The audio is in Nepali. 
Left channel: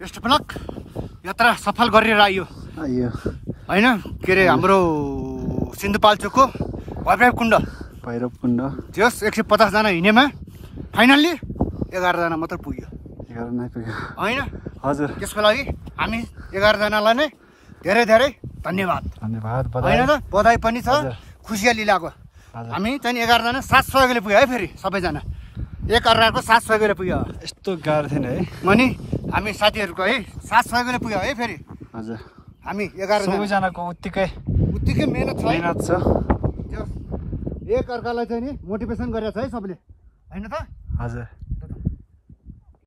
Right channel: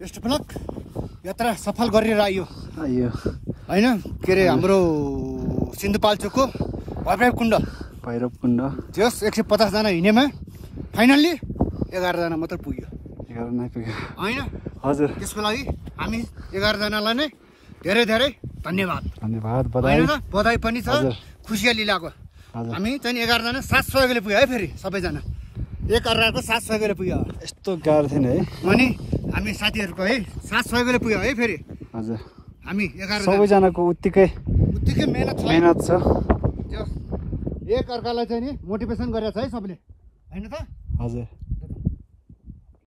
Best of lock. यात्रा सफल गरेर आइयो होइन। के अरे हाम्रो सिन्धुपाल्चोकको भैरव कुण्ड त्यस 150 जना हिँडेमा फाइनल्ली 11 जना मात्र पुग्यो होइन। हजुर त्यसको लागि हामी 11 जनालाई नै धेरै धेरै धन्यवाद होइन त। बधाई पनि छ, खुसियाली लाग्यो। हामी चाहिँ 11 जना साथ सहयोगले पुग्यो है। फेरि सबैजना एक अर्काको साथ सहयोगले पुग्यो। यस्तो गाह्रो थिएन है। अनि हामी साथीहरूको है साथ सहयोगले पुग्यो है। फेरि हजुर हामी 11 सबैजनाको उत्तिकै मेहनत छ। एक अर्कालाई चाहिँ नि मोटिभेसन गरेको छ है सबले होइन त। हजुर